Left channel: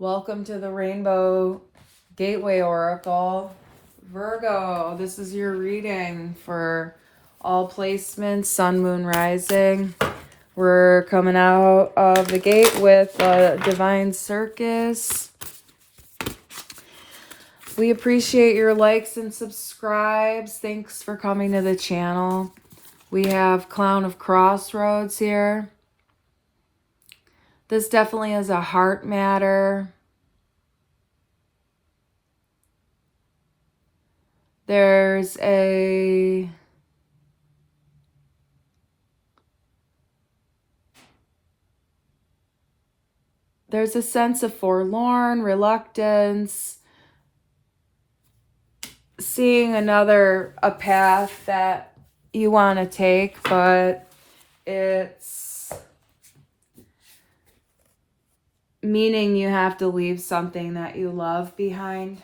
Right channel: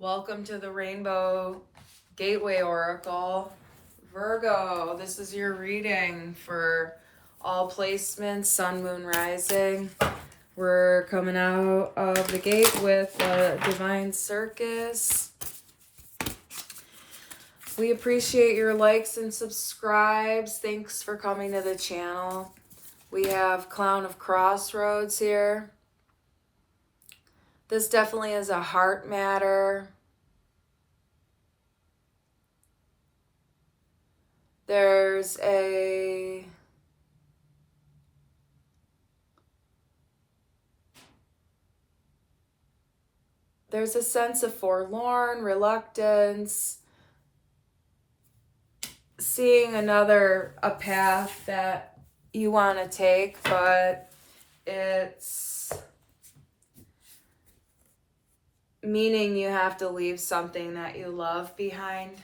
Welcome to the Rainbow Gateway Oracle. Virgo, this is your reading for all placements, sun, moon, rising. We're coming out of the gate with a divine circus. We appreciate your likes and subscribes. Thanks for coming to the channel. We have Clown of Crossroads here. This definitely is a heart matter. There's a sense of forlorn, reluctance, seeing a path that you want to take, but it's meaning you have to leave something that you love behind.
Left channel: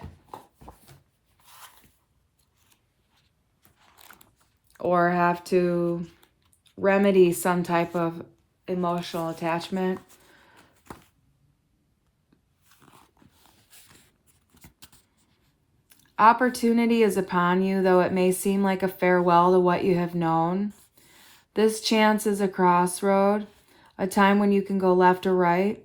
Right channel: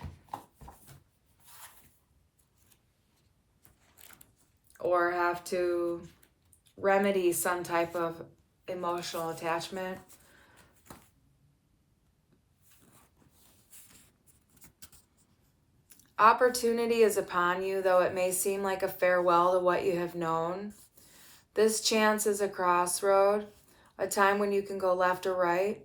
Or have to remedy some type of emotional attachment. Opportunity is upon you, though it may seem like a farewell to what you have known. This chance is a crossroad, a time when you can go left or right.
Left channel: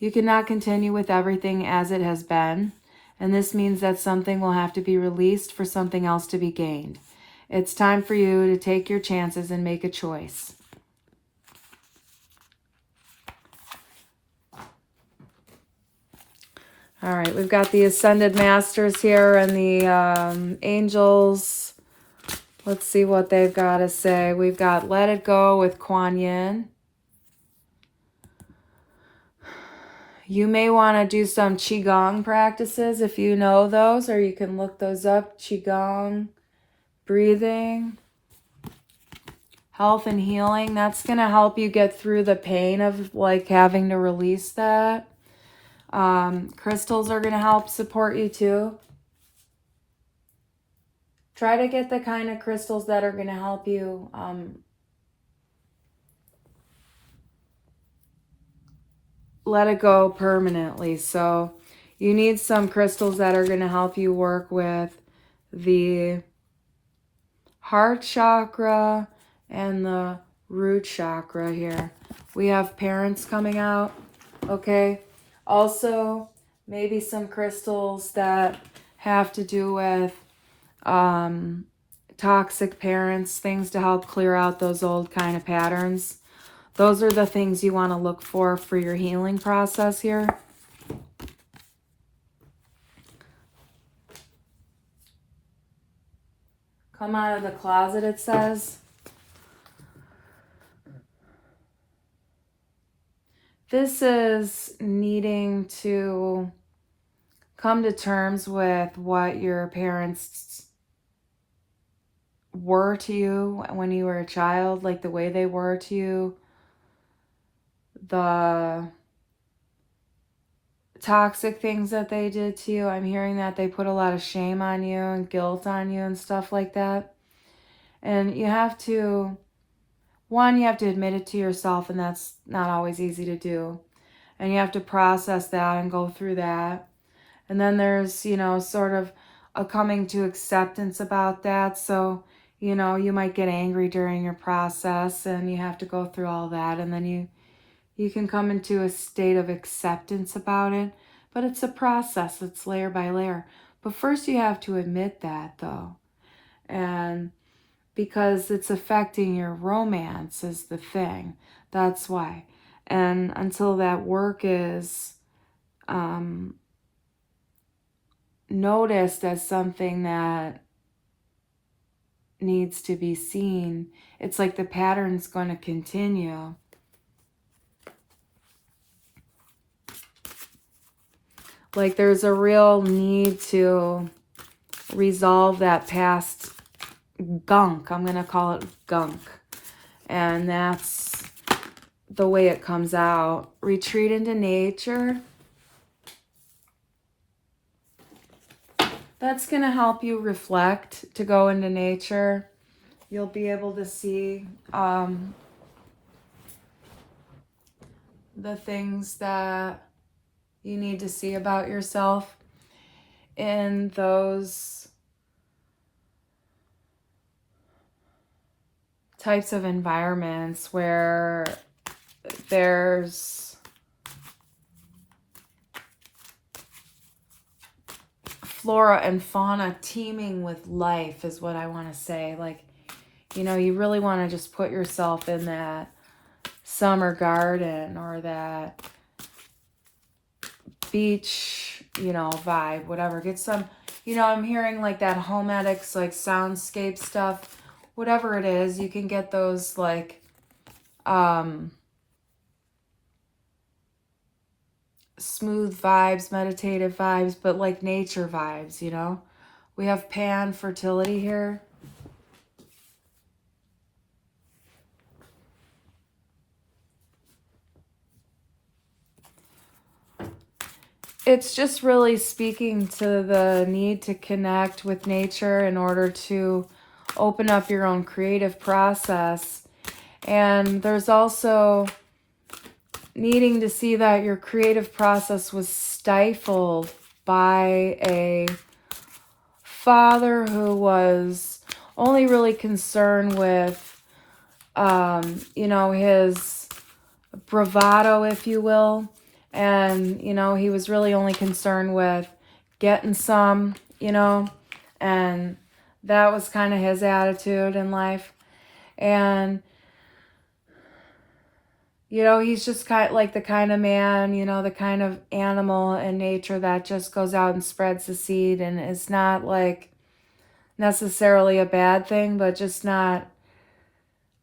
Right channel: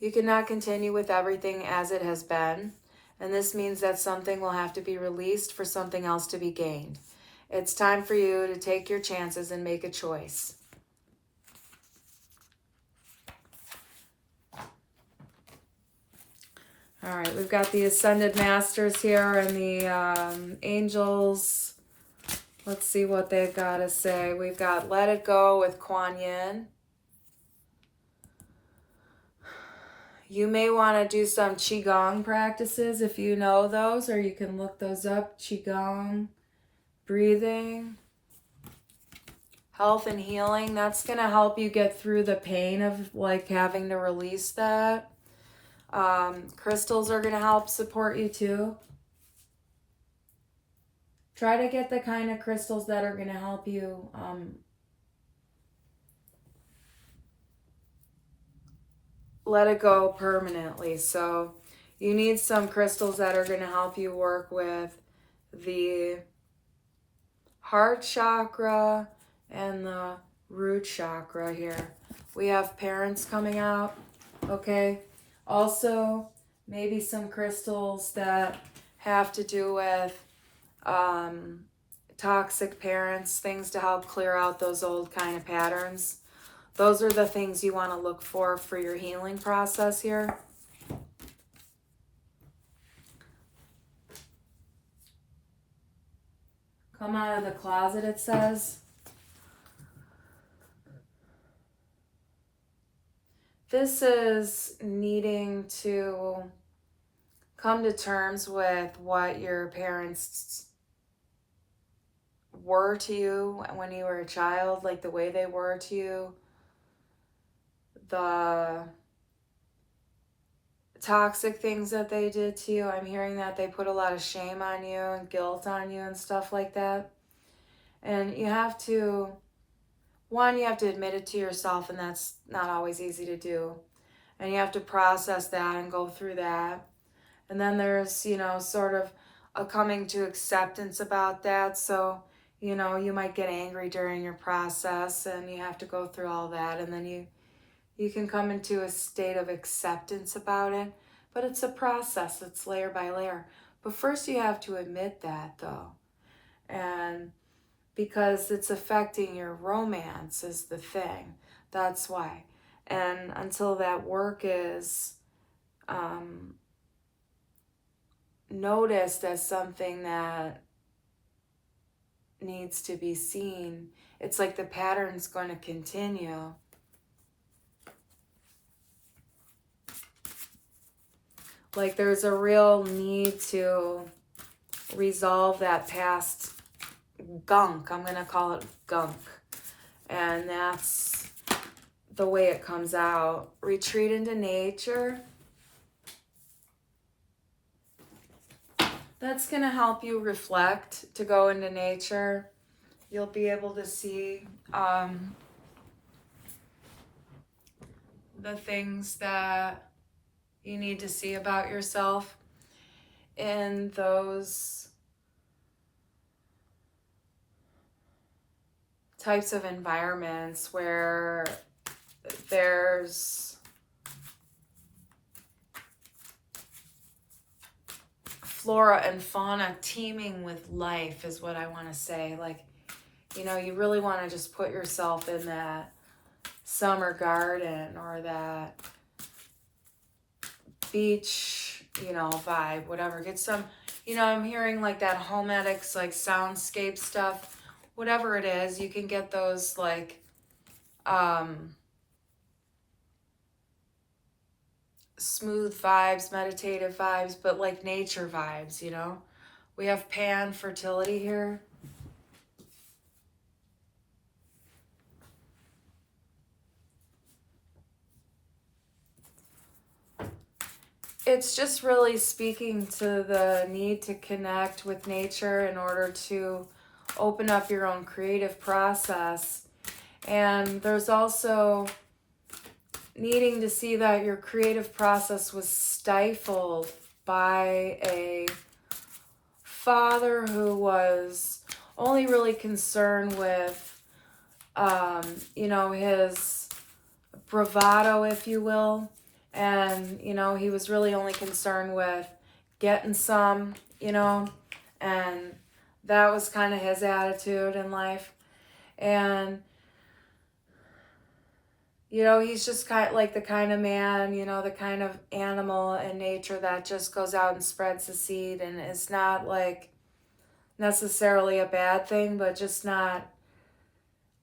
You cannot continue with everything as it has been, and this means that something will have to be released for something else to be gained. It's time for you to take your chances and make a choice. All right, we've got the Ascended Masters here and the Angels. Let's see what they've got to say. We've got Let It Go with Kuan Yin. You may want to do some Qigong practices if you know those, or you can look those up. Qigong, breathing, health and healing. That's going to help you get through the pain of like having to release that. Crystals are going to help support you too. Try to get the kind of crystals that are going to help you let it go permanently. So you need some crystals that are going to help you work with the heart chakra and the root chakra here. We have parents coming out, okay? Also, maybe some crystals that have to do with toxic parents, things to help clear out those old kind of patterns. Those are the things you want to look for your healing process here. Come out of the closet, it says. This is needing to come to terms with what your parents were to you when you were a child, like the way they were to you, the toxic things that they did to you. I'm hearing that they put a lot of shame on you and guilt on you and stuff like that. And you have to, one, you have to admit it to yourself, and that's not always easy to do. And you have to process that and go through that. And then there's, you know, sort of a coming to acceptance about that. So, you know, you might get angry during your process and you have to go through all that. And then you can come into a state of acceptance about it. But it's a process. It's layer by layer. But first you have to admit that, though. And because it's affecting your romance is the thing. That's why. And until that work is noticed as something that needs to be seen, it's like the pattern's going to continue. Like there's a real need to resolve that past gunk. I'm going to call it gunk. And that's the way it comes out. Retreat into nature. That's going to help you reflect, to go into nature. You'll be able to see the things that you need to see about yourself in those types of environments where there's flora and fauna teeming with life is what I want to say. Like, you know, you really want to just put yourself in that summer garden or that beach, you know, vibe, whatever. Get some, you know, I'm hearing like that homedics, like soundscape stuff, whatever it is. You can get those like smooth vibes, meditative vibes, but like nature vibes, you know. We have pan fertility here. It's just really speaking to the need to connect with nature in order to open up your own creative process. And there's also needing to see that your creative process was stifled by a father who was only really concerned with, you know, his bravado, if you will. And, you know, he was really only concerned with getting some, you know, and that was kind of his attitude in life. And, you know, he's just kind of like the kind of man, you know, the kind of animal in nature that just goes out and spreads the seed, and it's not like necessarily a bad thing, but just not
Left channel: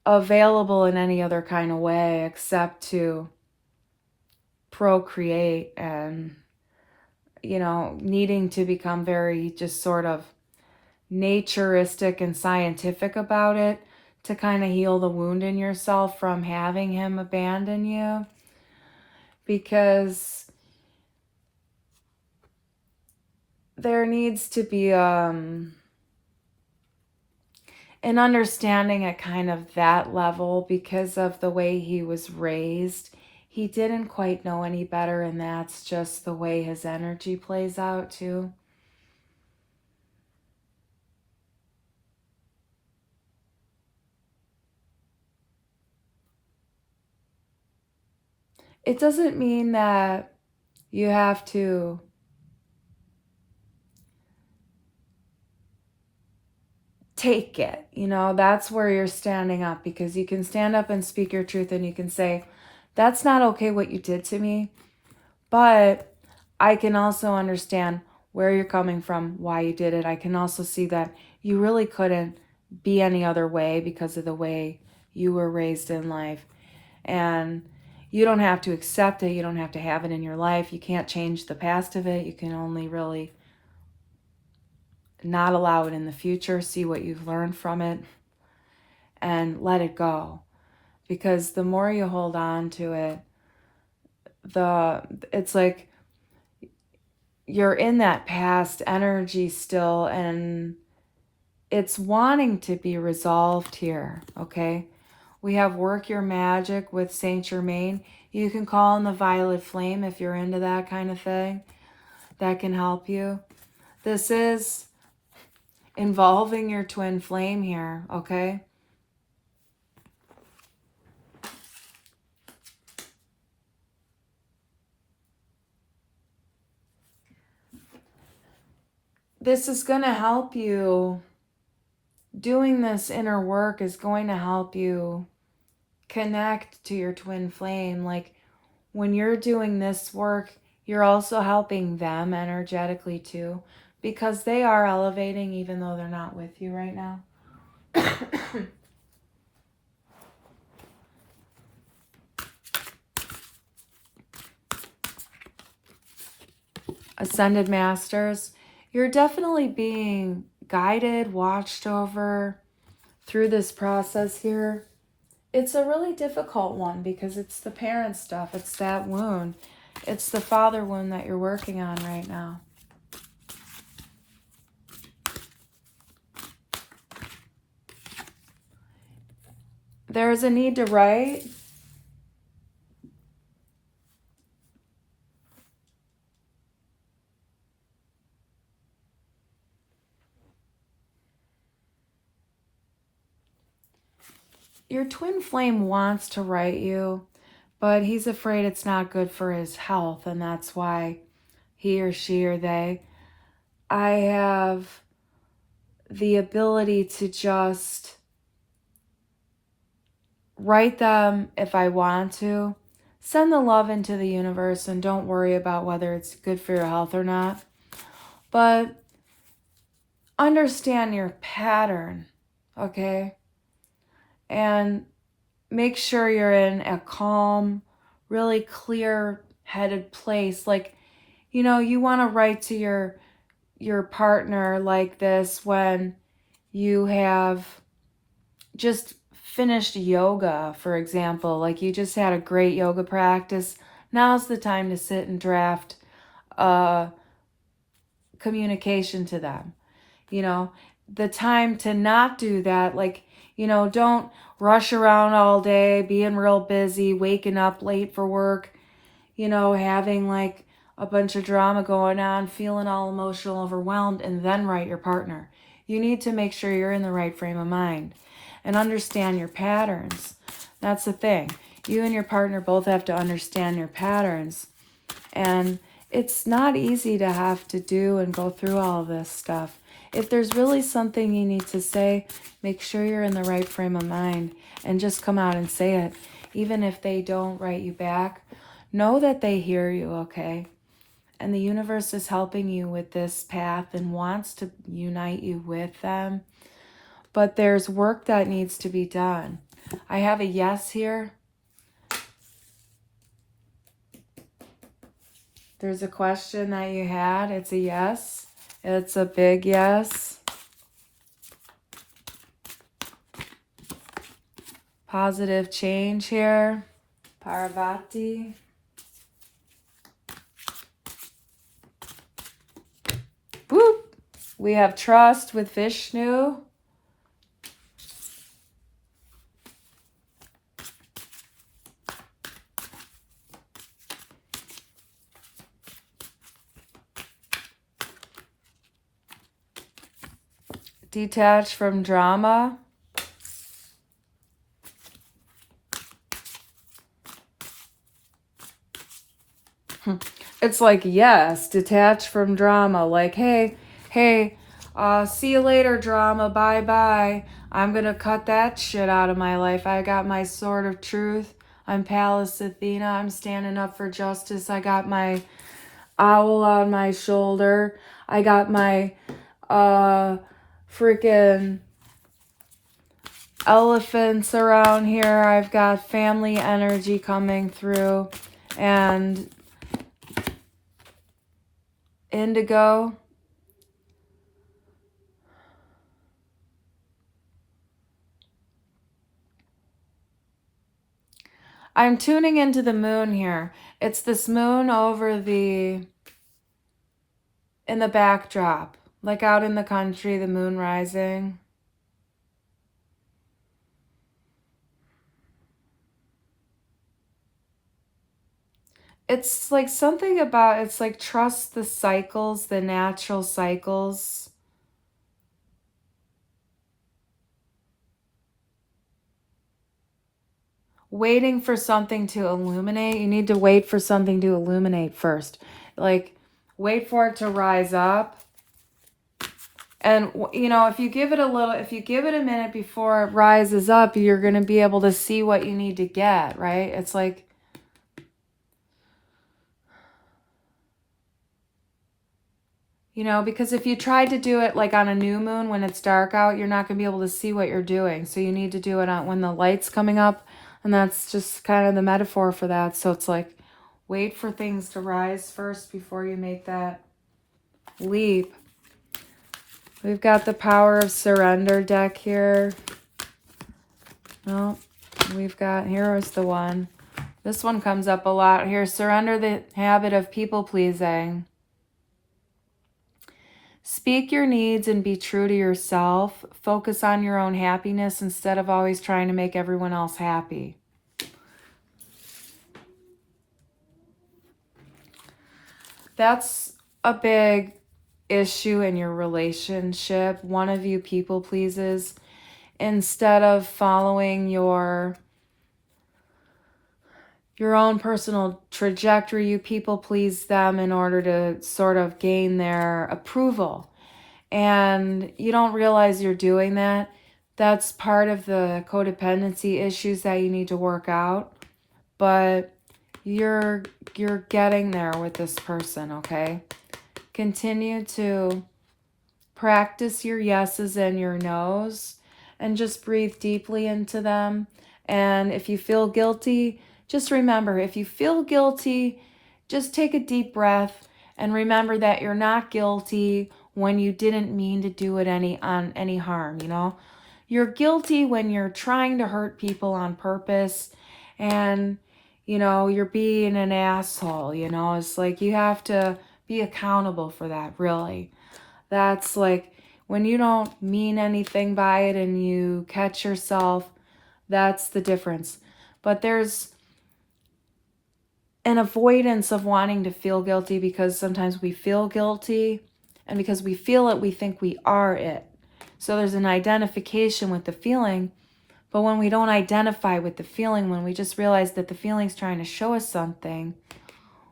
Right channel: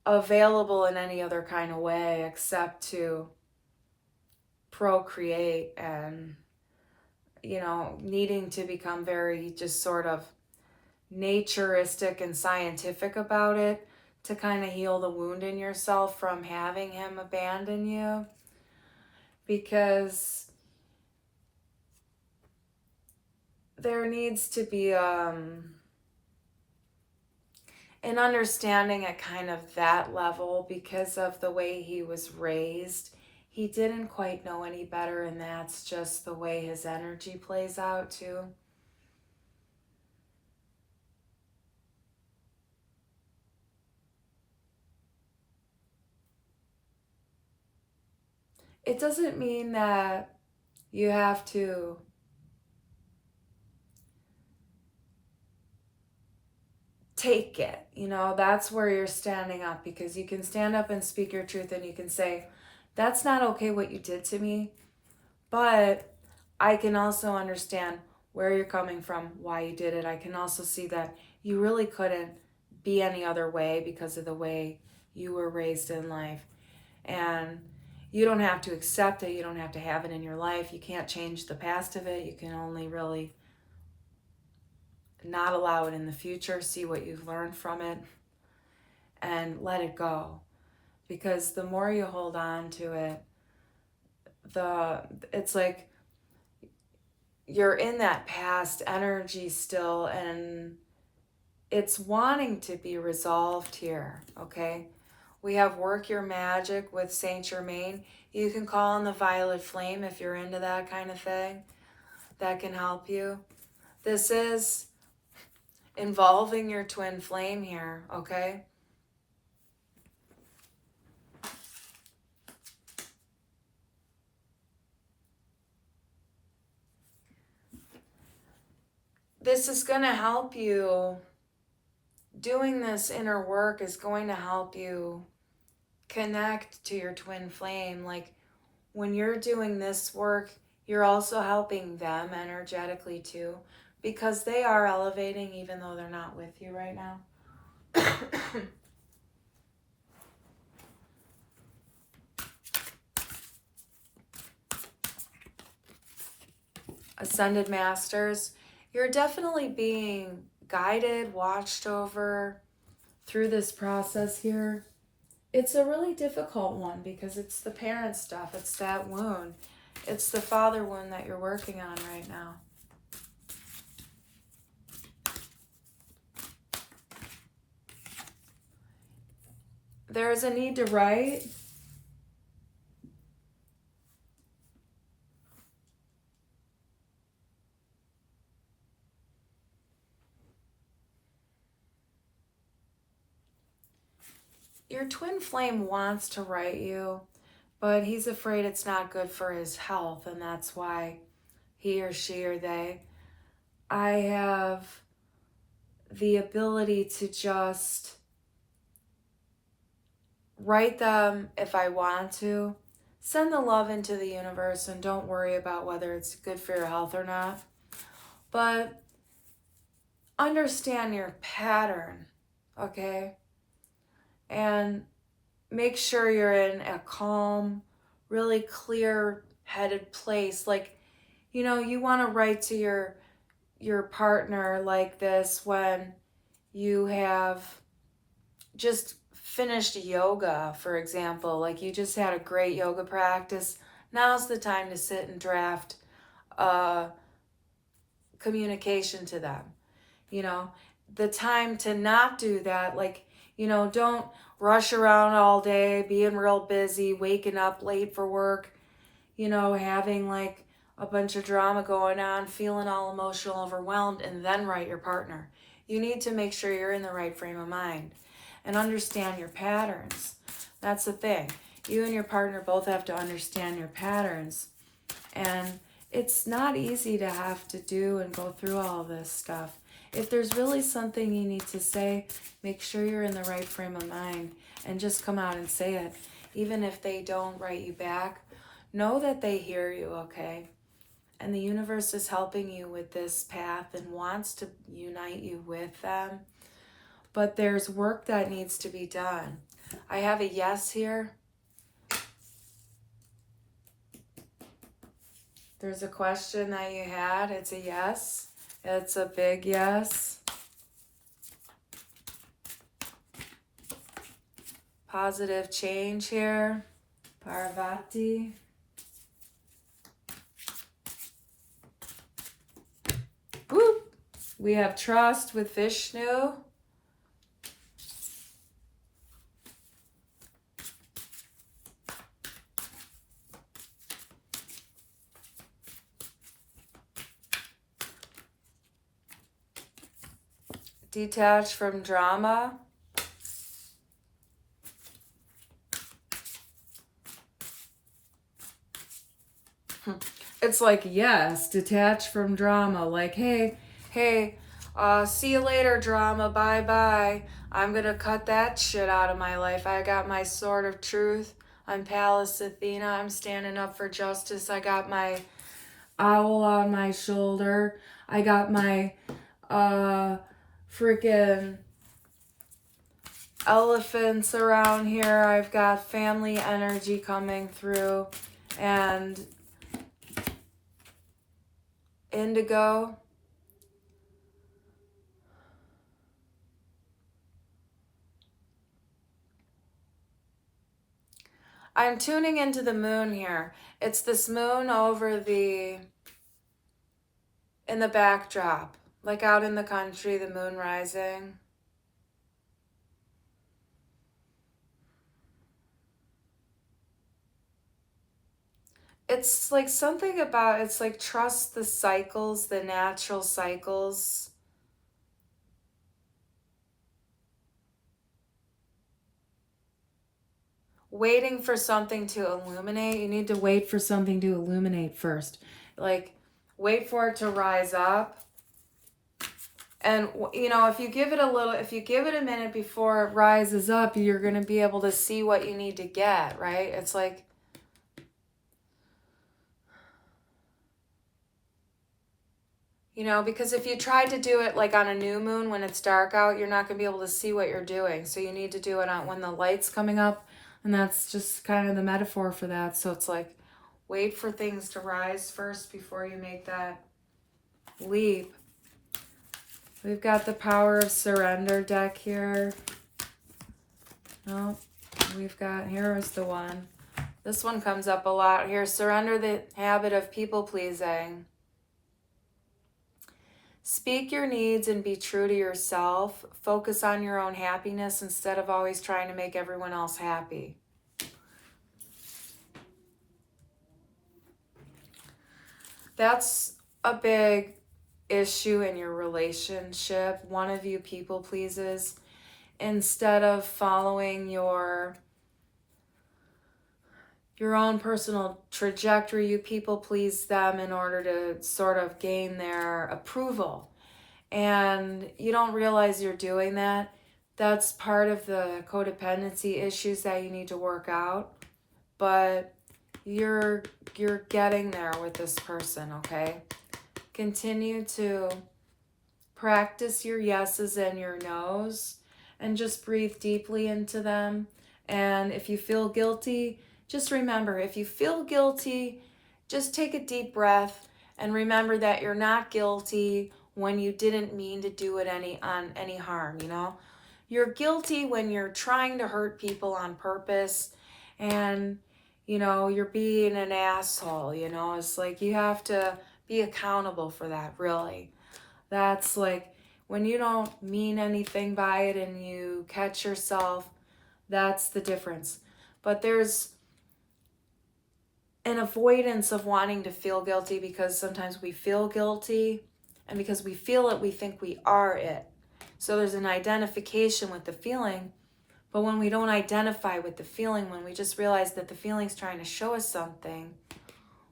available in any other kind of way except to procreate, and, you know, needing to become very just sort of naturistic and scientific about it to kind of heal the wound in yourself from having him abandon you. Because there needs to be an understanding at kind of that level because of the way he was raised. He didn't quite know any better, and that's just the way his energy plays out too. It doesn't mean that you have to take it, you know. That's where you're standing up, because you can stand up and speak your truth, and you can say, that's not okay what you did to me, but I can also understand where you're coming from, why you did it. I can also see that you really couldn't be any other way because of the way you were raised in life. And you don't have to accept it. You don't have to have it in your life. You can't change the past of it. You can only really not allow it in the future. See what you've learned from it and let it go. Because the more you hold on to it, it's like you're in that past energy still, and it's wanting to be resolved here, okay? We have Work Your Magic with Saint Germain. You can call in the Violet Flame if you're into that kind of thing. That can help you. This is involving your twin flame here, okay? This is going to help you. Doing this inner work is going to help you connect to your twin flame. Like, when you're doing this work, you're also helping them energetically too, because they are elevating even though they're not with you right now. Ascended Masters, you're definitely being guided, watched over through this process here. It's a really difficult one because it's the parent stuff. It's that wound. It's the father wound that you're working on right now. There's a need to write. your twin flame wants to write you, but he's afraid it's not good for his health, and that's why he or she or they. I have the ability to just write them if I want to. Send the love into the universe and don't worry about whether it's good for your health or not. But understand your pattern, okay? And make sure you're in a calm, really clear-headed place. Like, you know, you want to write to your partner like this when you have just finished yoga, for example. Like you just had a great yoga practice. Now's the time to sit and draft communication to them. You know, the time to not do that, like, you know, don't rush around all day, being real busy, waking up late for work, you know, having like a bunch of drama going on, feeling all emotional, overwhelmed, and then write your partner. You need to make sure you're in the right frame of mind and understand your patterns. That's the thing. You and your partner both have to understand your patterns. And it's not easy to have to do and go through all of this stuff. If there's really something you need to say, make sure you're in the right frame of mind and just come out and say it. Even if they don't write you back, know that they hear you, okay? And the universe is helping you with this path and wants to unite you with them. But there's work that needs to be done. I have a yes here. There's a question that you had. It's a yes. It's a big yes. Positive change here. Parvati. Woo! We have trust with Vishnu. Detach from drama. It's like, yes, detach from drama. Like, hey, see you later, drama. Bye-bye. I'm going to cut that shit out of my life. I got my sword of truth. I'm Pallas Athena. I'm standing up for justice. I got my owl on my shoulder. I got my freaking elephants around here. I've got family energy coming through. And indigo. I'm tuning into the moon here. It's this moon over in the backdrop, like out in the country, the moon rising. It's like something about, it's like trust the cycles, the natural cycles. Waiting for something to illuminate. You need to wait for something to illuminate first. Like, wait for it to rise up. And, you know, if you give it a minute before it rises up, you're going to be able to see what you need to get, right? It's like, you know, because if you try to do it like on a new moon when it's dark out, you're not going to be able to see what you're doing. So you need to do it when the light's coming up. And that's just kind of the metaphor for that. So it's like, wait for things to rise first before you make that leap. We've got the power of surrender deck here. No, we've got, here is the one. This one comes up a lot here. Surrender the habit of people pleasing. Speak your needs and be true to yourself. Focus on your own happiness instead of always trying to make everyone else happy. That's a big issue in your relationship. One of you people pleases. instead of following your own personal trajectory. You people please them in order to sort of gain their approval. And you don't realize you're doing that. That's part of the codependency issues that you need to work out. But you're getting there with this person, okay? Continue to practice your yeses and your nos and just breathe deeply into them. And if you feel guilty, just remember, if you feel guilty, just take a deep breath and remember that you're not guilty when you didn't mean to do it any harm, you know? You're guilty when you're trying to hurt people on purpose and, you know, you're being an asshole, you know? It's like you have to be accountable for that, really. That's like when you don't mean anything by it and you catch yourself, that's the difference. But there's an avoidance of wanting to feel guilty because sometimes we feel guilty, and because we feel it, we think we are it. So there's an identification with the feeling, but when we don't identify with the feeling, when we just realize that the feeling's trying to show us something,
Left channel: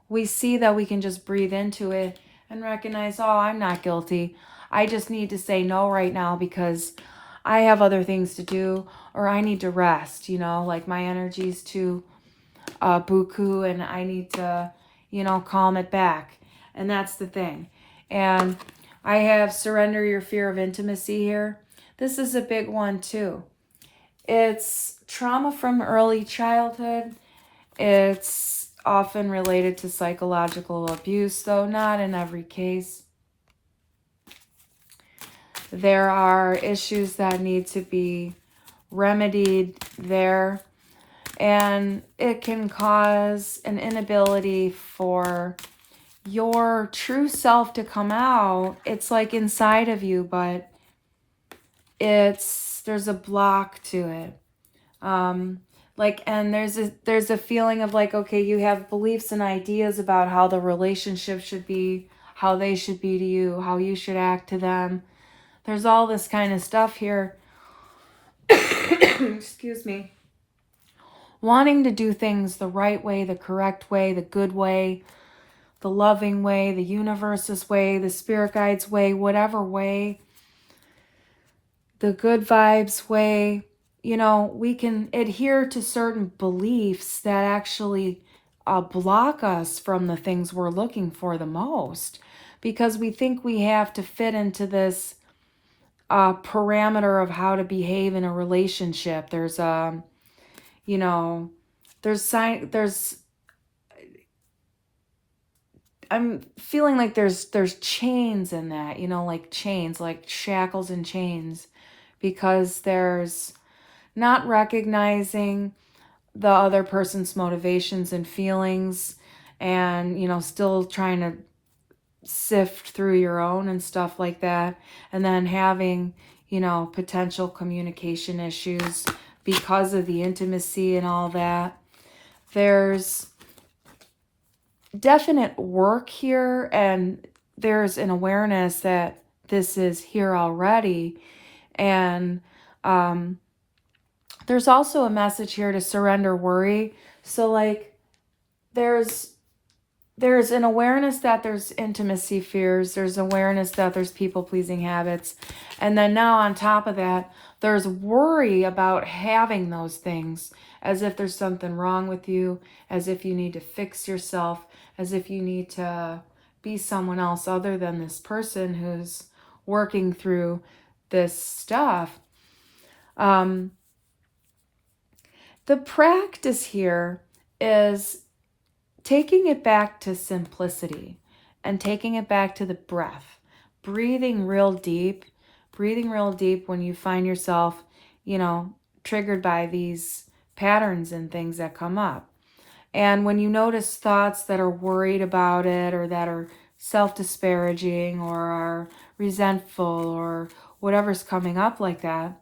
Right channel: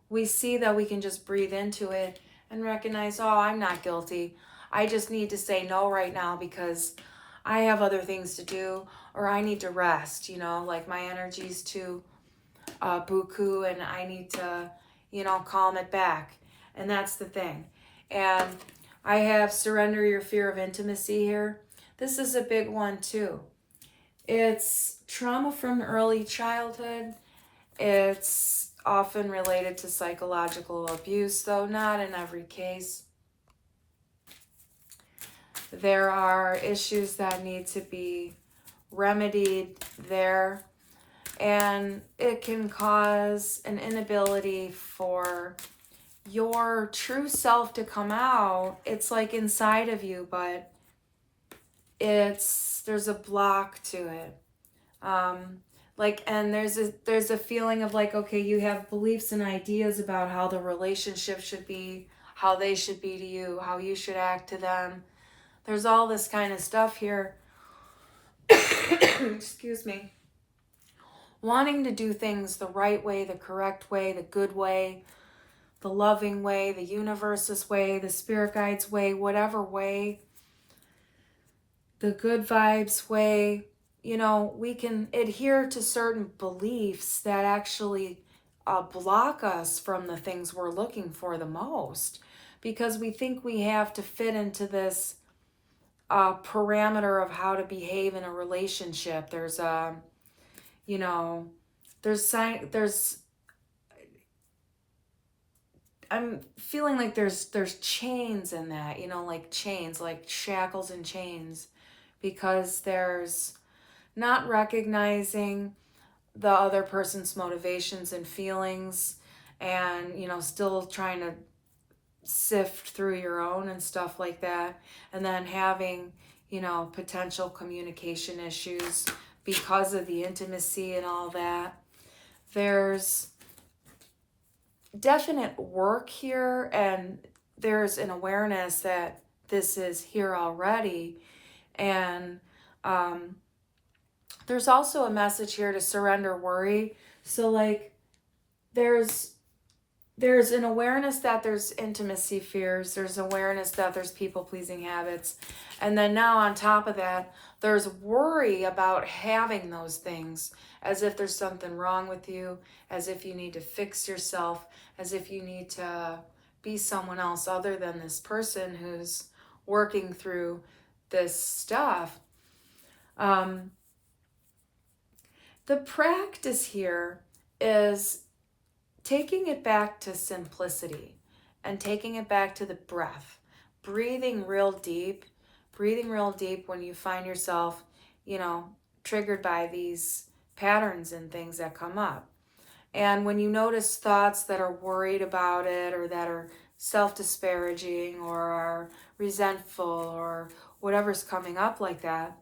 we see that we can just breathe into it and recognize, oh, I'm not guilty. I just need to say no right now because I have other things to do, or I need to rest, you know, like my energy's too buku and I need to, you know, calm it back. And that's the thing. And I have surrender your fear of intimacy here. This is a big one too. It's trauma from early childhood. It's often related to psychological abuse, though not in every case. There are issues that need to be remedied there, and it can cause an inability for your true self to come out. It's like inside of you, but there's a block to it. And there's a feeling of like, okay, you have beliefs and ideas about how the relationship should be, how they should be to you, how you should act to them. There's all this kind of stuff here. Excuse me. Wanting to do things the right way, the correct way, the good way, the loving way, the universe's way, the spirit guide's way, whatever way, the good vibes way. You know, we can adhere to certain beliefs that actually block us from the things we're looking for the most, because we think we have to fit into this parameter of how to behave in a relationship. There's you know, I'm feeling like there's chains in that, you know, like chains, like shackles and chains, because there's not recognizing the other person's motivations and feelings, and, you know, still trying to sift through your own and stuff like that, and then having, you know, potential communication issues because of the intimacy and all that. There's definite work here, and there's an awareness that this is here already. And there's also a message here to surrender worry. So like there's an awareness that there's intimacy fears, there's awareness that there's people-pleasing habits, and then now on top of that, there's worry about having those things, as if there's something wrong with you, as if you need to fix yourself, as if you need to be someone else other than this person who's working through this stuff. The practice here is taking it back to simplicity and taking it back to the breath. Breathing real deep when you find yourself, you know, triggered by these patterns and things that come up. And when you notice thoughts that are worried about it, or that are self-disparaging, or are resentful, or whatever's coming up like that,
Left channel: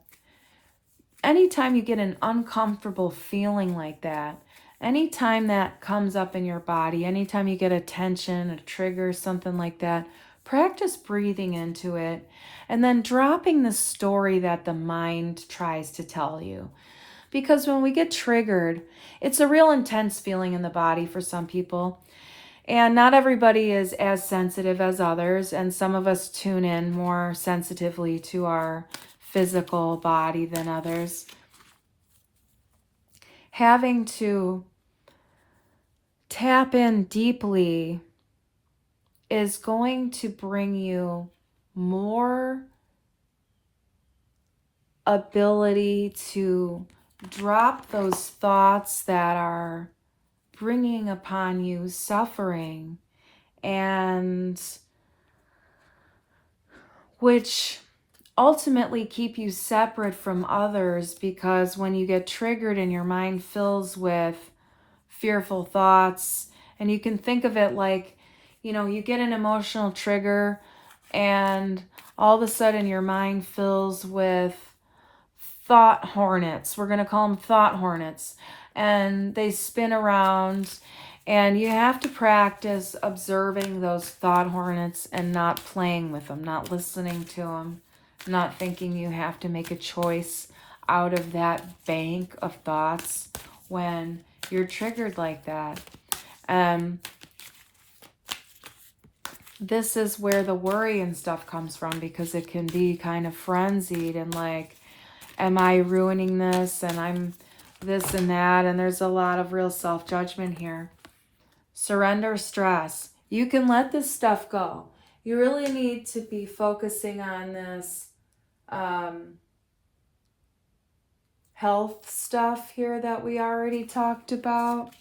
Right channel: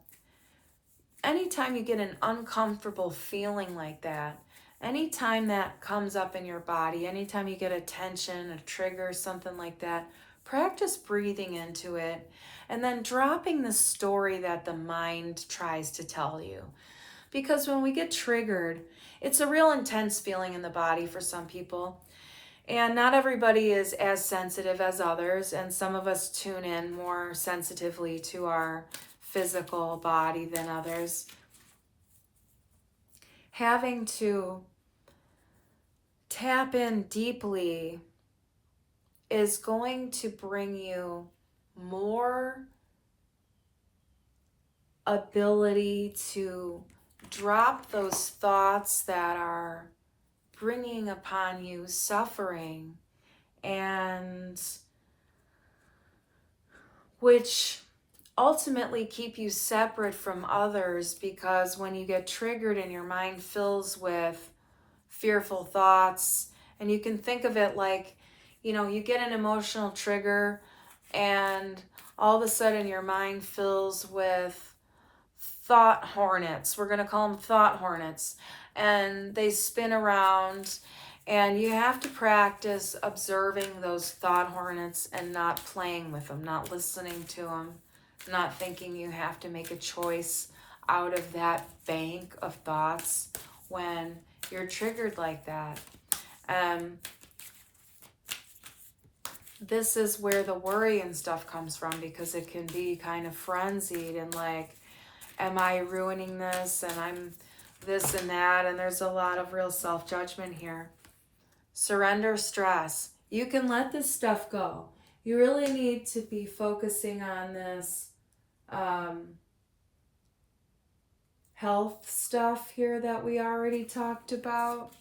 anytime you get an uncomfortable feeling like that, anytime that comes up in your body, anytime you get a tension, a trigger, something like that, practice breathing into it and then dropping the story that the mind tries to tell you. Because when we get triggered, it's a real intense feeling in the body for some people. And not everybody is as sensitive as others, and some of us tune in more sensitively to our physical body than others. Having to tap in deeply is going to bring you more ability to drop those thoughts that are bringing upon you suffering, and which ultimately keep you separate from others, because when you get triggered and your mind fills with fearful thoughts, and you can think of it like, you get an emotional trigger and all of a sudden your mind fills with thought hornets. We're going to call them thought hornets. And they spin around, and you have to practice observing those thought hornets and not playing with them, not listening to them, not thinking you have to make a choice out of that bank of thoughts when you're triggered like that. This is where the worry and stuff comes from, because it can be kind of frenzied and like, am I ruining this? And I'm this and that. And there's a lot of real self-judgment here. Surrender stress. You can let this stuff go. You really need to be focusing on this health stuff here that we already talked about.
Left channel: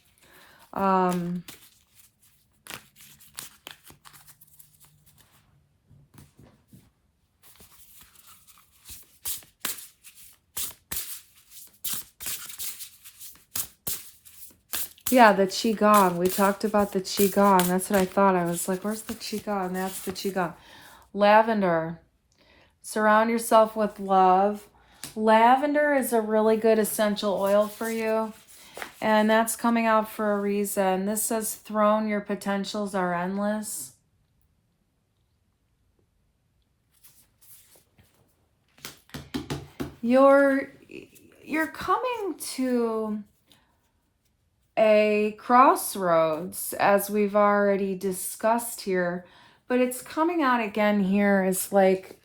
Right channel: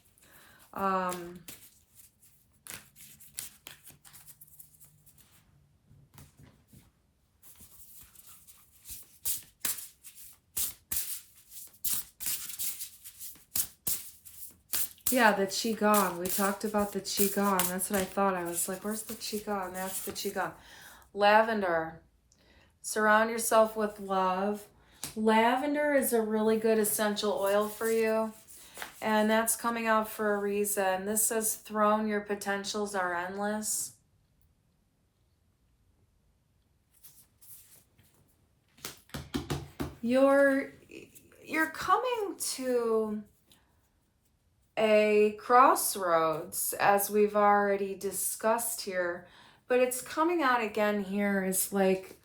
Yeah, the Qigong. We talked about the Qigong. That's what I thought. I was like, where's the Qigong? That's the Qigong. Lavender. Surround yourself with love. Lavender is a really good essential oil for you, and that's coming out for a reason. This says, throne, your potentials are endless. You're coming to a crossroads, as we've already discussed here, but it's coming out again here as like,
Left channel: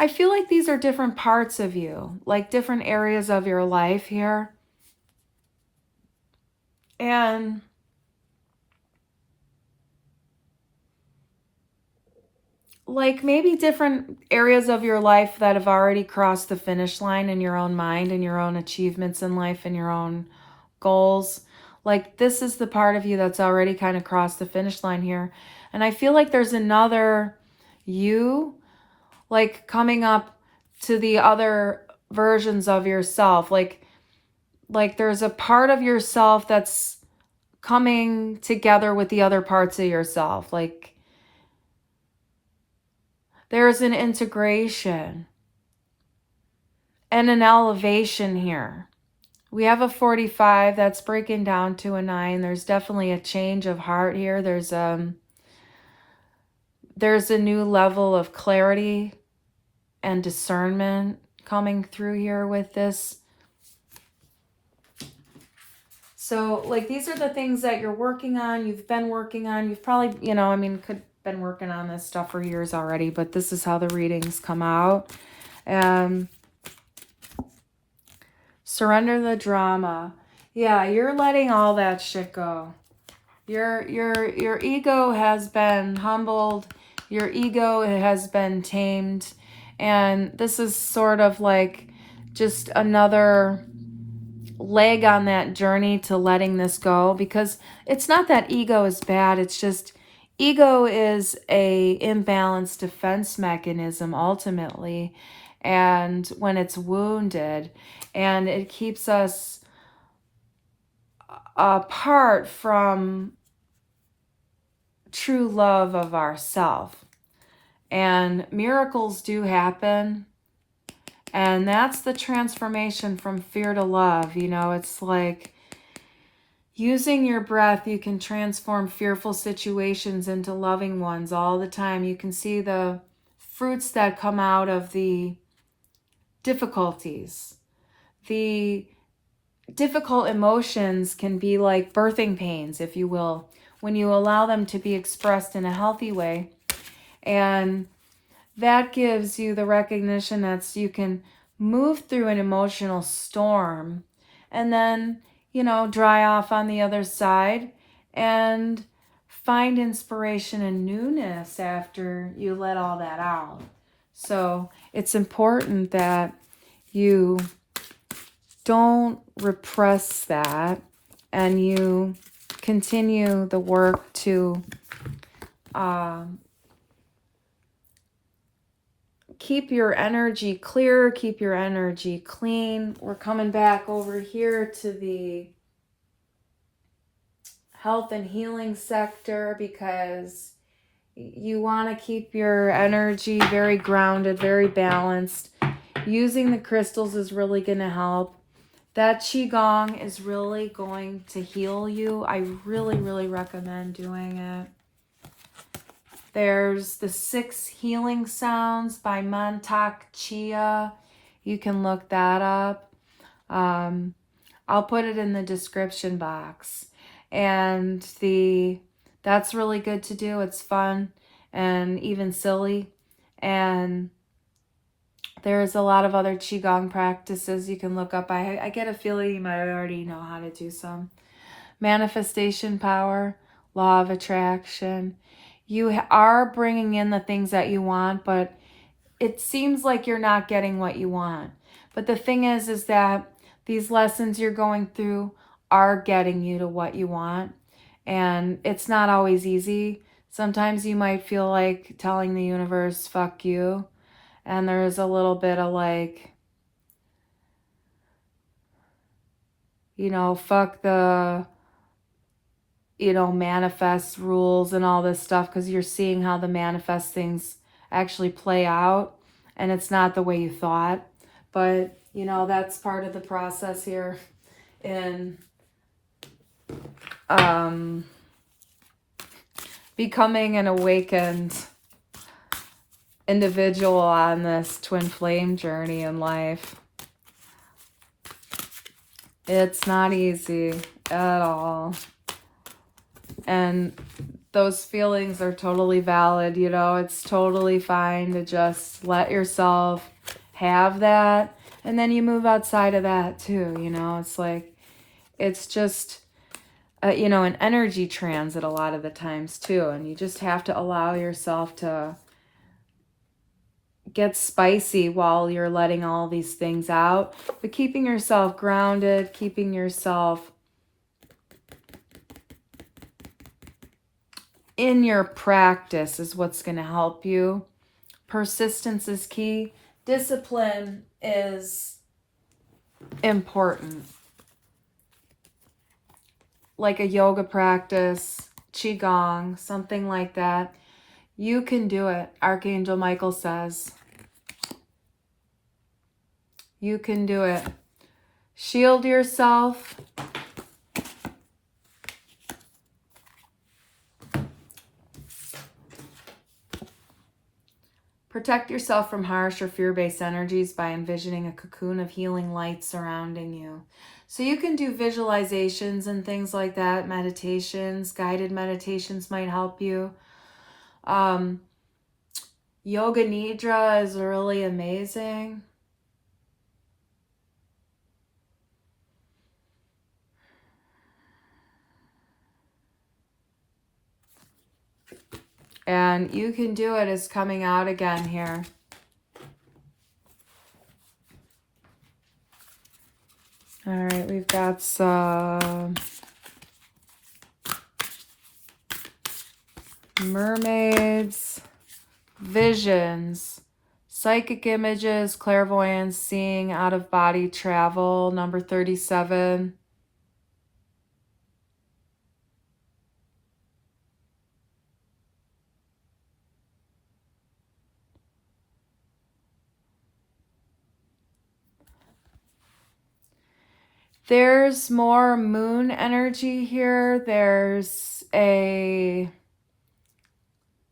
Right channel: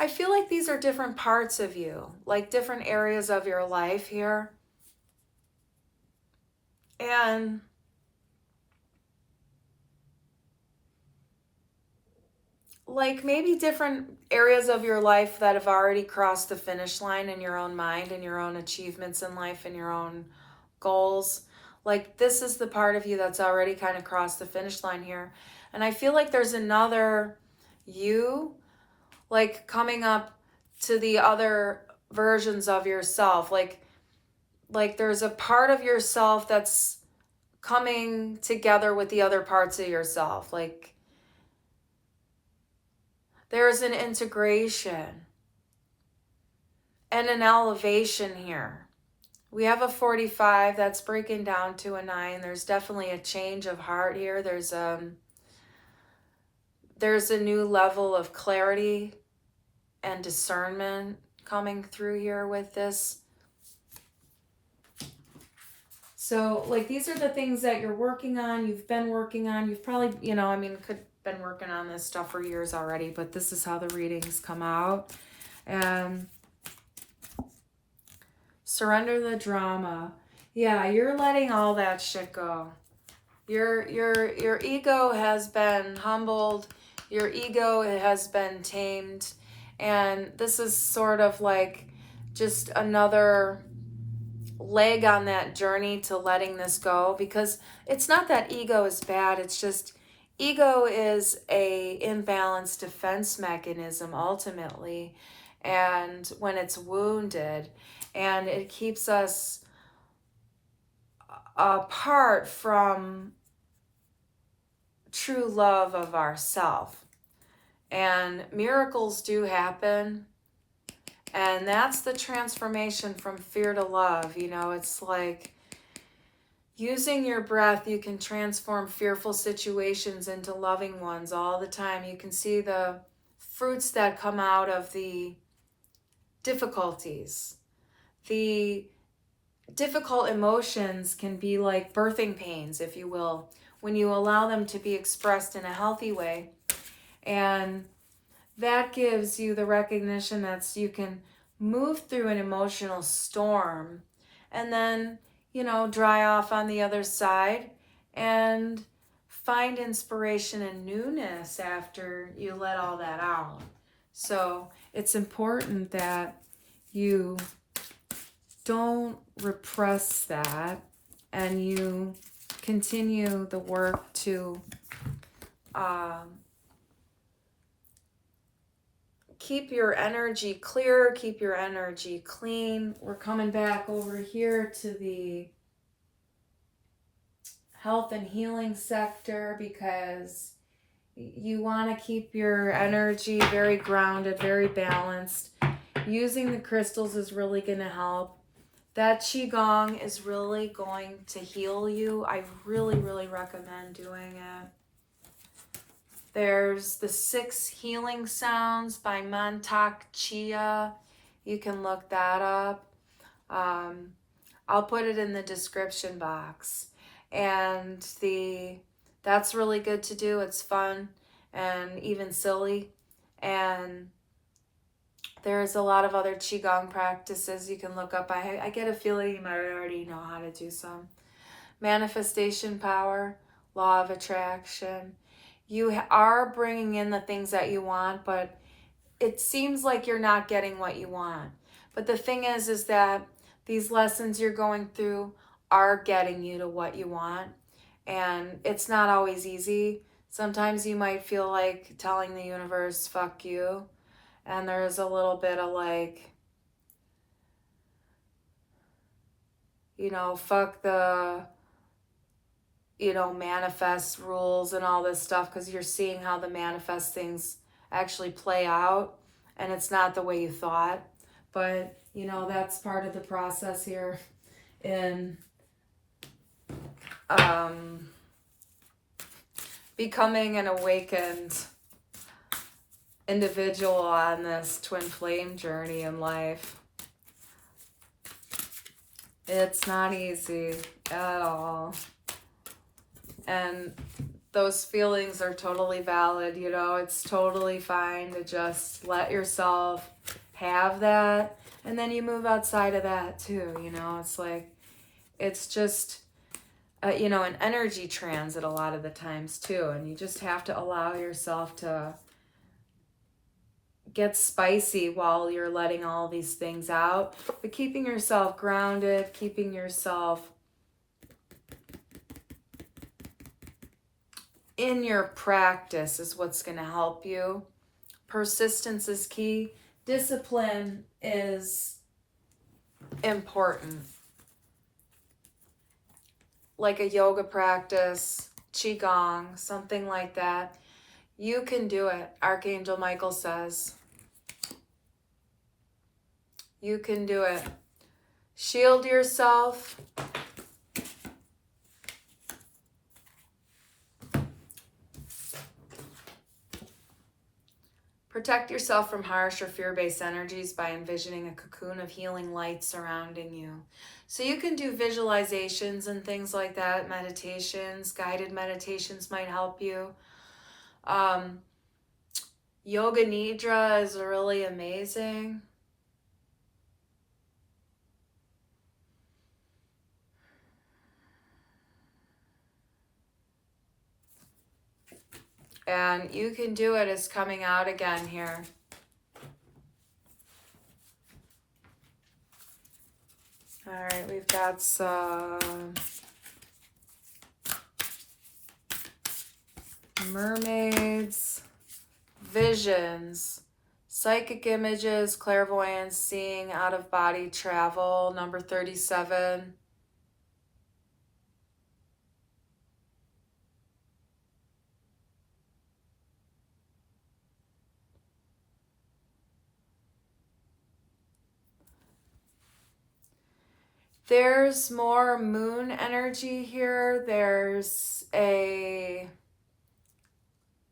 I feel like these are different parts of you, like different areas of your life here. And like maybe different areas of your life that have already crossed the finish line in your own mind and your own achievements in life and your own goals. Like this is the part of you that's already kind of crossed the finish line here. And I feel like there's another you like coming up to the other versions of yourself. Like there's a part of yourself that's coming together with the other parts of yourself. Like there's an integration and an elevation here. We have a 45 that's breaking down to a 9. There's definitely a change of heart here. There's a new level of clarity and discernment coming through here with this. So like these are the things that you're working on, you've been working on, you've probably, been working on this stuff for years already, but this is how the readings come out. Surrender the drama. Yeah, you're letting all that shit go. Your ego has been humbled. Your ego has been tamed. And this is sort of like just another leg on that journey to letting this go, because it's not that ego is bad. It's just ego is a imbalanced defense mechanism ultimately, and when it's wounded, and it keeps us apart from true love of ourself. And miracles do happen, and that's the transformation from fear to love. It's like Using your breath, you can transform fearful situations into loving ones all the time. You can see the fruits that come out of the difficulties. The difficult emotions can be like birthing pains, if you will, when you allow them to be expressed in a healthy way. And that gives you the recognition that you can move through an emotional storm and then, dry off on the other side and find inspiration and newness after you let all that out. So it's important that you don't repress that and you continue the work to keep your energy clear, keep your energy clean. We're coming back over here to the health and healing sector because you want to keep your energy very grounded, very balanced. Using the crystals is really going to help. That Qigong is really going to heal you. I really, really recommend doing it. There's the 6 Healing Sounds by Mantak Chia. You can look that up. I'll put it in the description box. And that's really good to do. It's fun and even silly. And there's a lot of other Qigong practices you can look up. I get a feeling you might already know how to do some. Manifestation power, law of attraction. You are bringing in the things that you want, but it seems like you're not getting what you want. But the thing is that these lessons you're going through are getting you to what you want. And it's not always easy. Sometimes you might feel like telling the universe, fuck you. And there's a little bit of like, fuck the manifest rules and all this stuff, because you're seeing how the manifest things actually play out and it's not the way you thought. But, that's part of the process here in becoming an awakened individual on this twin flame journey in life. It's not easy at all. And those feelings are totally valid, it's totally fine to just let yourself have that. And then you move outside of that too, it's like, it's just, an energy transit a lot of the times too. And you just have to allow yourself to get spicy while you're letting all these things out. But keeping yourself grounded, keeping yourself in your practice is what's going to help you. Persistence is key. Discipline is important. Like a yoga practice, Qigong, something like that. You can do it, Archangel Michael says. You can do it. Shield yourself. Protect yourself from harsh or fear-based energies by envisioning a cocoon of healing light surrounding you. So you can do visualizations and things like that, meditations, guided meditations might help you. Yoga Nidra is really amazing. And you can do it is coming out again here. All right, we've got some mermaids, visions, psychic images, clairvoyance, seeing, out-of-body travel, number 37. There's more moon energy here. There's a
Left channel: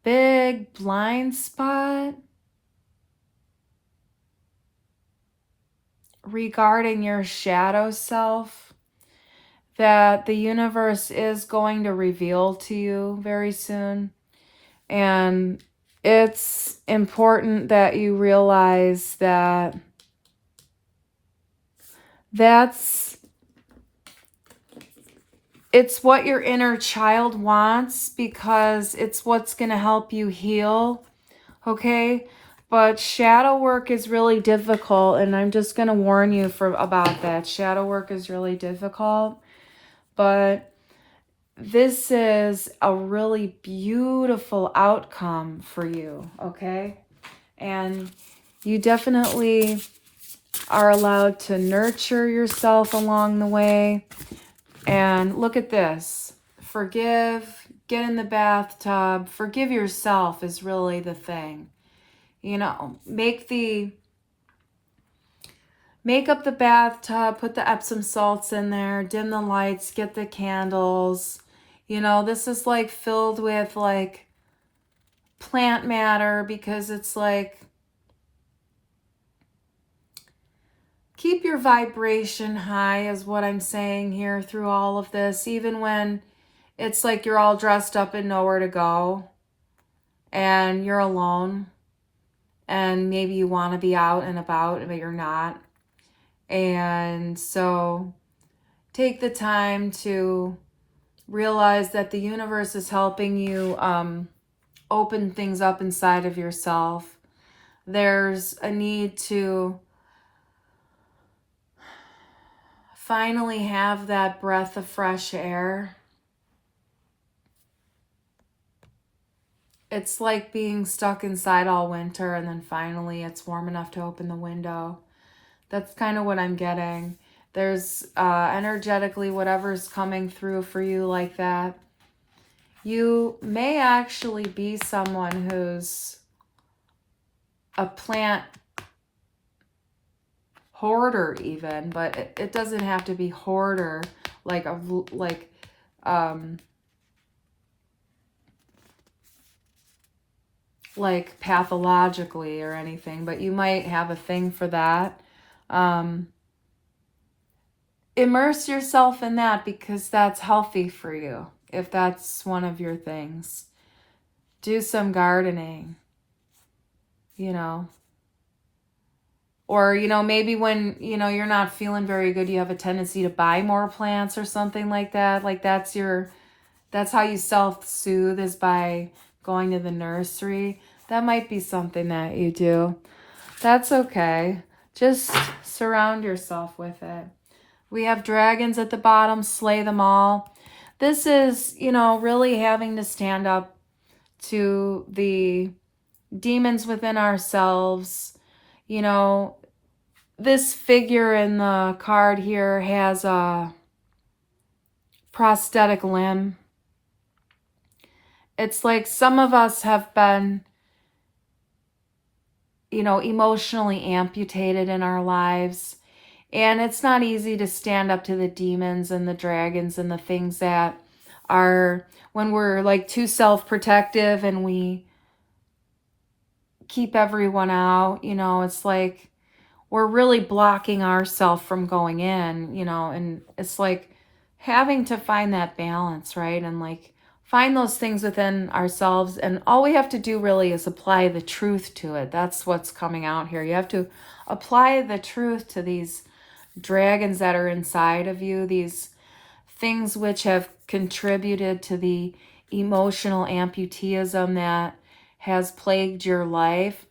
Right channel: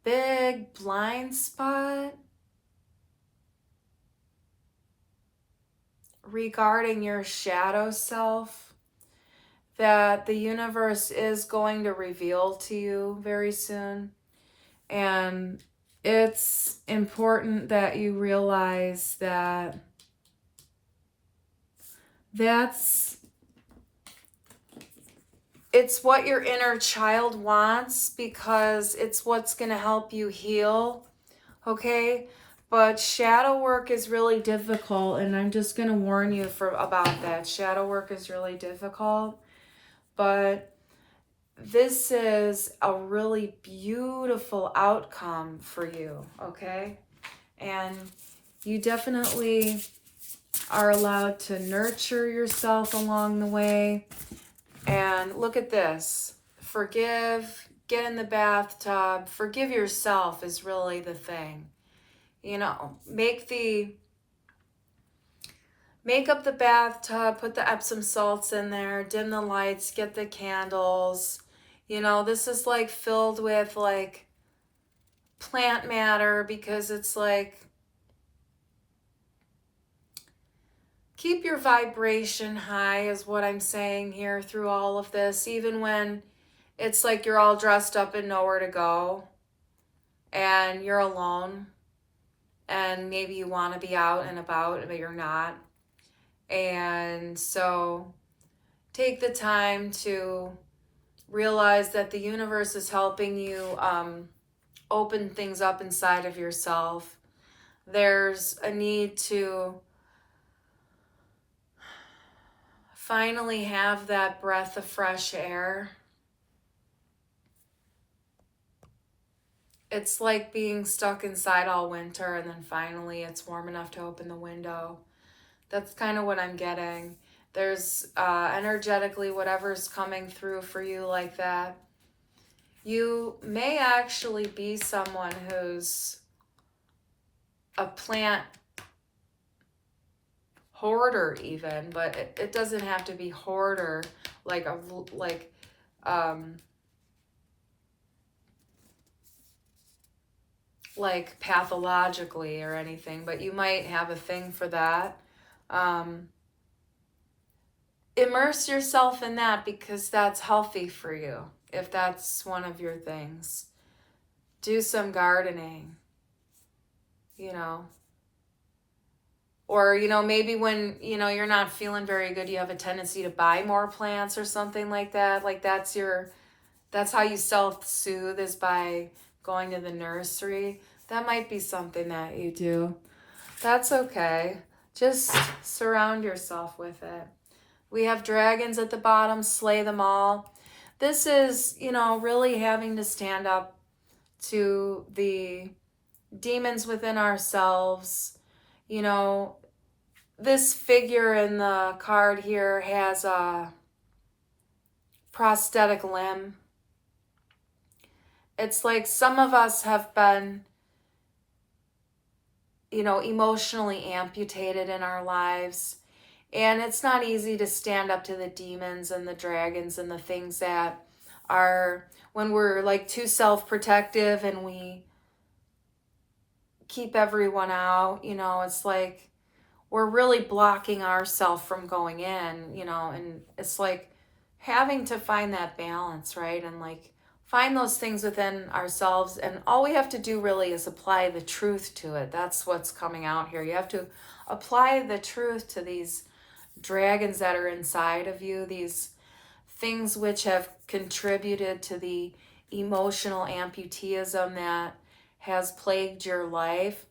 big blind spot regarding your shadow self that the universe is going to reveal to you very soon. And it's important that you realize that it's what your inner child wants, because it's what's going to help you heal, okay? But shadow work is really difficult, and I'm just going to warn you about that. Shadow work is really difficult, but this is a really beautiful outcome for you, okay? And you definitely are allowed to nurture yourself along the way. And look at this. Forgive, get in the bathtub, forgive yourself is really the thing. You know, make up the bathtub, put the Epsom salts in there, dim the lights, get the candles. You know, this is like filled with like plant matter, because it's like, keep your vibration high is what I'm saying here through all of this, even when it's like you're all dressed up and nowhere to go and you're alone and maybe you want to be out and about but you're not. And so take the time to realize that the universe is helping you open things up inside of yourself. There's a need to finally have that breath of fresh air. It's like being stuck inside all winter and then finally it's warm enough to open the window. That's kind of what I'm getting. There's energetically whatever's coming through for you like that. You may actually be someone who's a plant hoarder even, but it doesn't have to be hoarder like pathologically or anything, but you might have a thing for that. Immerse yourself in that, because that's healthy for you if that's one of your things. Do some gardening, you know. Or, you know, maybe when, you know, you're not feeling very good, you have a tendency to buy more plants or something like that. Like that's how you self-soothe, is by going to the nursery. That might be something that you do. That's okay. Just surround yourself with it. We have dragons at the bottom, slay them all. This is, you know, really having to stand up to the demons within ourselves. You know, this figure in the card here has a prosthetic limb. It's like some of us have been, you know, emotionally amputated in our lives. And it's not easy to stand up to the demons and the dragons and the things that are, when we're like too self-protective and we keep everyone out, you know, it's like we're really blocking ourselves from going in, you know, and it's like having to find that balance, right? And like find those things within ourselves, and all we have to do really is apply the truth to it. That's what's coming out here. You have to apply the truth to these dragons that are inside of you, these things which have contributed to the emotional amputeeism that has plagued your life.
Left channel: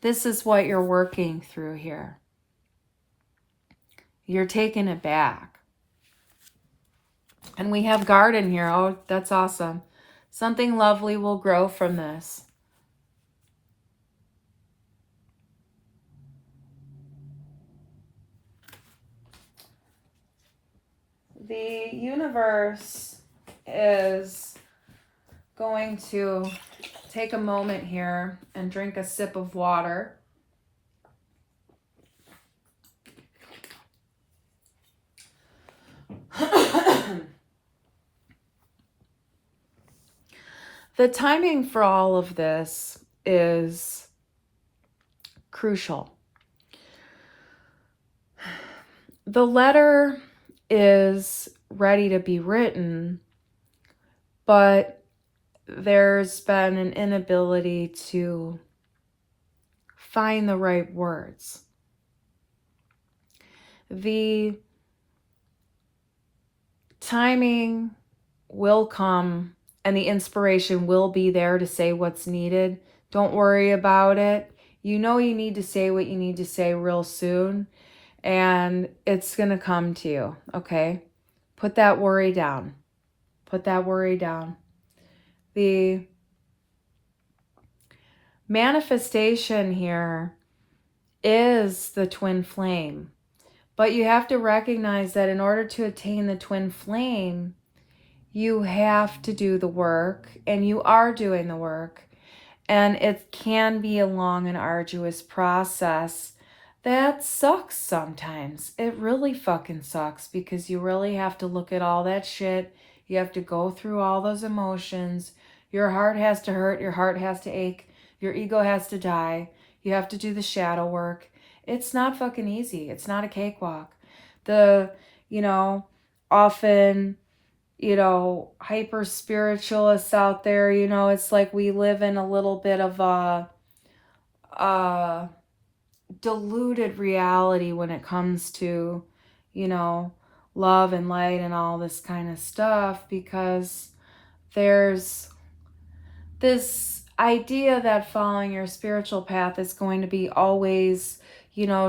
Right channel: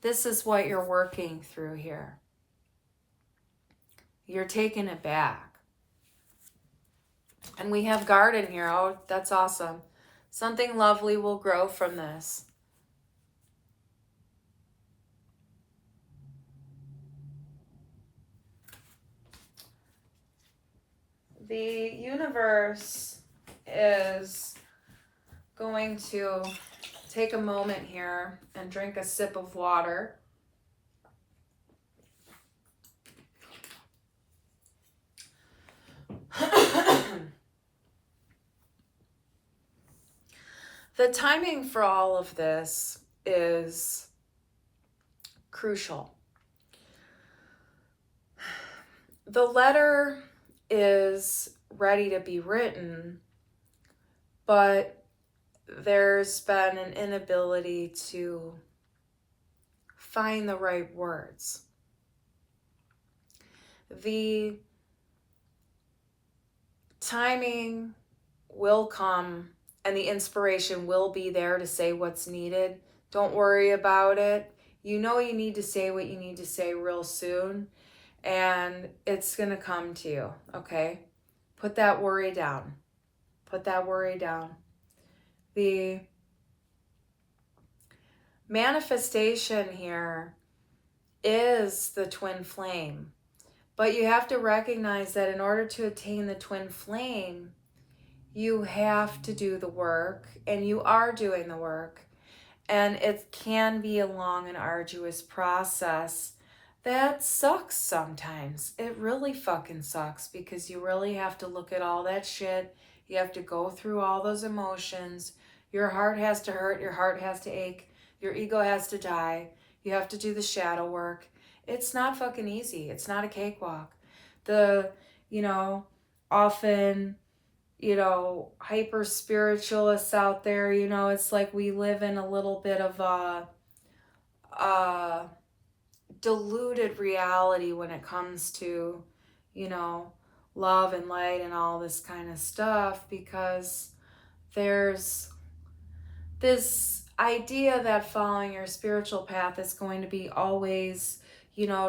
This is what you're working through here. You're taking it back. And we have garden here. Oh, that's awesome. Something lovely will grow from this. The universe is going to take a moment here and drink a sip of water. The timing for all of this is crucial. The letter is ready to be written, but there's been an inability to find the right words. The timing will come and the inspiration will be there to say what's needed. Don't worry about it. You know you need to say what you need to say real soon, and it's going to come to you, okay? Put that worry down. Put that worry down. The manifestation here is the twin flame. But you have to recognize that in order to attain the twin flame, you have to do the work, and you are doing the work. And it can be a long and arduous process that sucks sometimes. It really fucking sucks because you really have to look at all that shit. You have to go through all those emotions. Your heart has to hurt. Your heart has to ache. Your ego has to die. You have to do the shadow work. It's not fucking easy. It's not a cakewalk. Often, hyper spiritualists out there, it's like we live in a little bit of a diluted reality when it comes to, love and light and all this kind of stuff, because there's this idea that following your spiritual path is going to be always,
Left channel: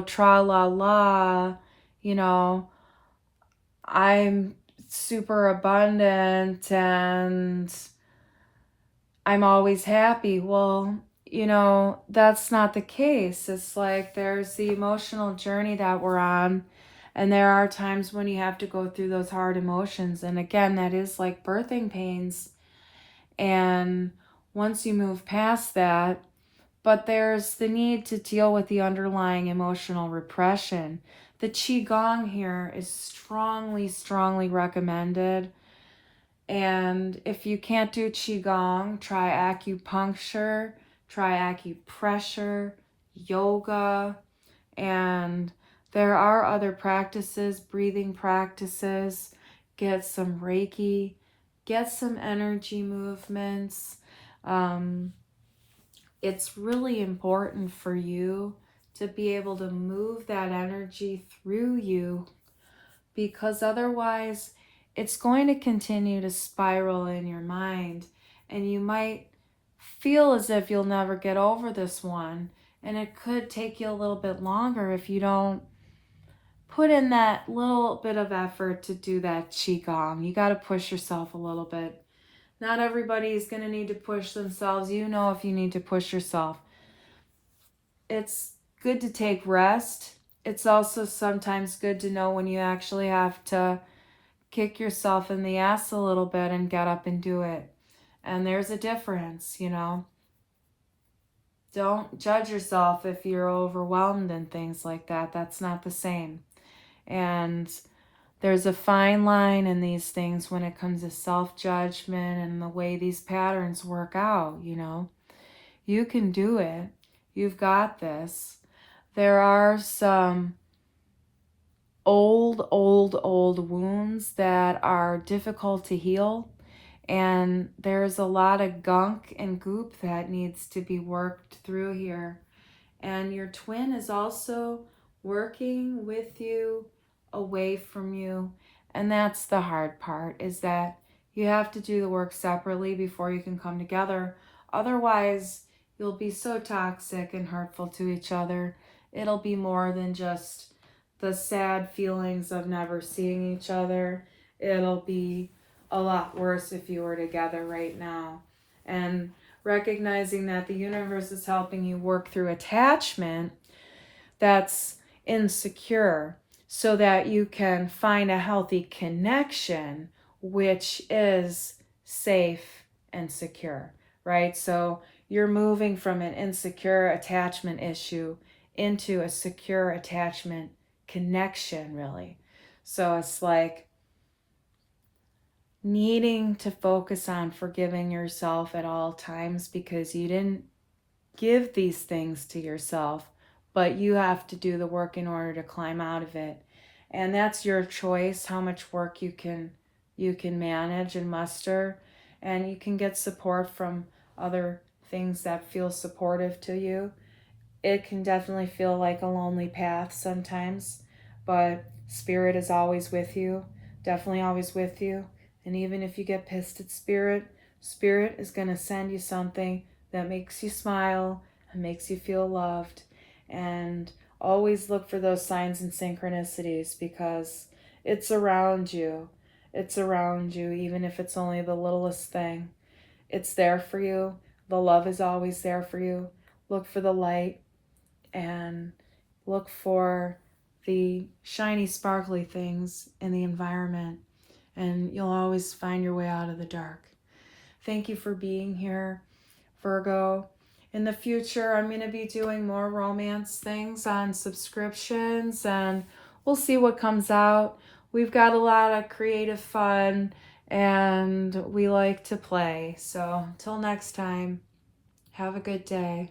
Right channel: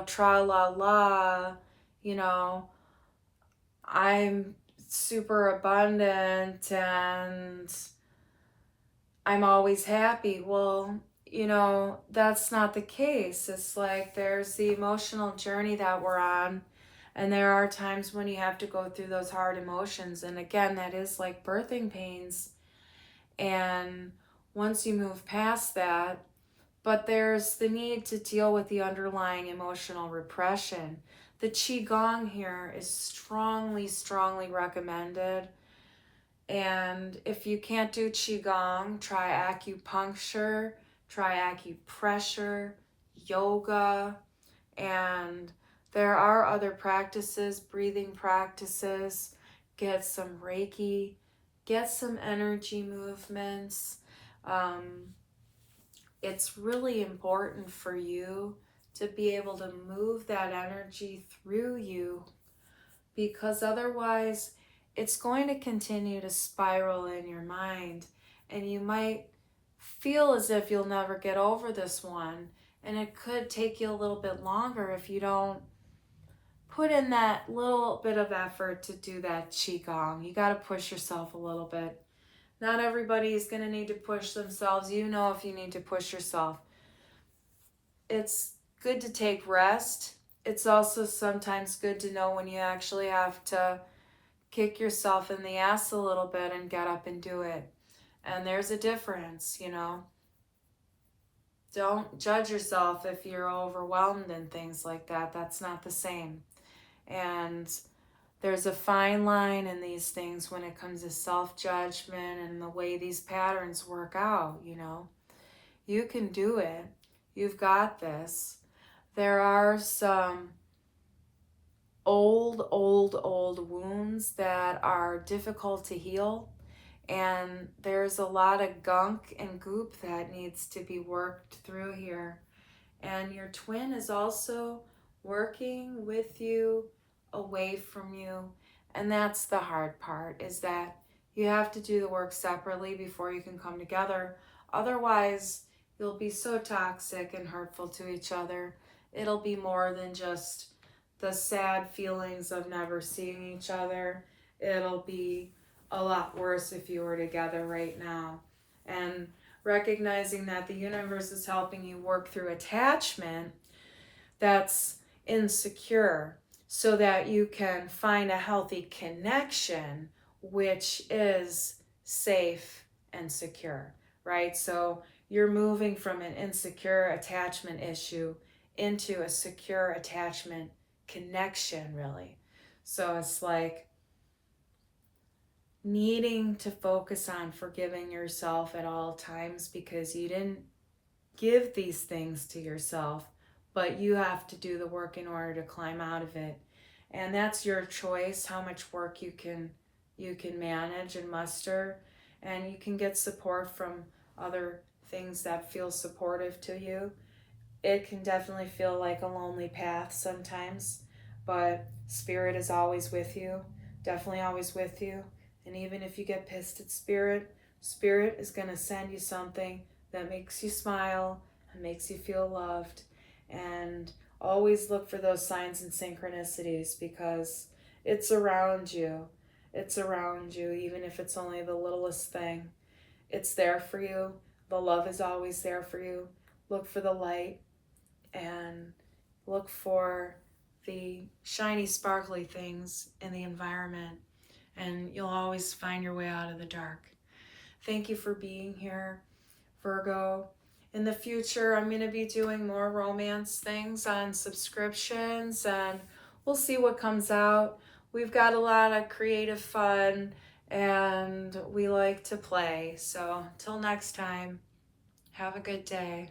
tra la la, I'm super abundant and I'm always happy. Well, that's not the case. It's like there's the emotional journey that we're on, and there are times when you have to go through those hard emotions. And again, that is like birthing pains. And once you move past that, but there's the need to deal with the underlying emotional repression. The Qigong here is strongly, strongly recommended. And if you can't do Qigong, try acupuncture, try acupressure, yoga, and there are other practices, breathing practices. Get some Reiki, get some energy movements. It's really important for you to be able to move that energy through you, because otherwise it's going to continue to spiral in your mind, and you might feel as if you'll never get over this one, and it could take you a little bit longer if you don't put in that little bit of effort to do that Qigong. You got to push yourself a little bit. Not everybody's going to need to push themselves. You know if you need to push yourself. It's good to take rest. It's also sometimes good to know when you actually have to kick yourself in the ass a little bit and get up and do it. And there's a difference, Don't judge yourself if you're overwhelmed and things like that. That's not the same. And there's a fine line in these things when it comes to self-judgment and the way these patterns work out, You can do it. You've got this. There are some old wounds that are difficult to heal, and there's a lot of gunk and goop that needs to be worked through here. And your twin is also working with you, away from you, and that's the hard part, is that you have to do the work separately before you can come together. Otherwise, you'll be so toxic and hurtful to each other. It'll be more than just the sad feelings of never seeing each other. It'll be a lot worse if you were together right now. And recognizing that the universe is helping you work through attachment that's insecure, so that you can find a healthy connection which is safe and secure, right? So you're moving from an insecure attachment issue into a secure attachment connection, really. So it's like needing to focus on forgiving yourself at all times because you didn't give these things to yourself, but you have to do the work in order to climb out of it. And that's your choice how much work you can manage and muster, and you can get support from other things that feel supportive to you. It can definitely feel like a lonely path sometimes, but spirit is always with you, definitely always with you. And even if you get pissed at spirit, spirit is going to send you something that makes you smile and makes you feel loved. And always look for those signs and synchronicities because it's around you. It's around you, even if it's only the littlest thing. It's there for you. The love is always there for you. Look for the light and look for the shiny, sparkly things in the environment, and you'll always find your way out of the dark. Thank you for being here, Virgo. In the future, I'm going to be doing more romance things on subscriptions, and we'll see what comes out. We've got a lot of creative fun, and we like to play. So, until next time, have a good day.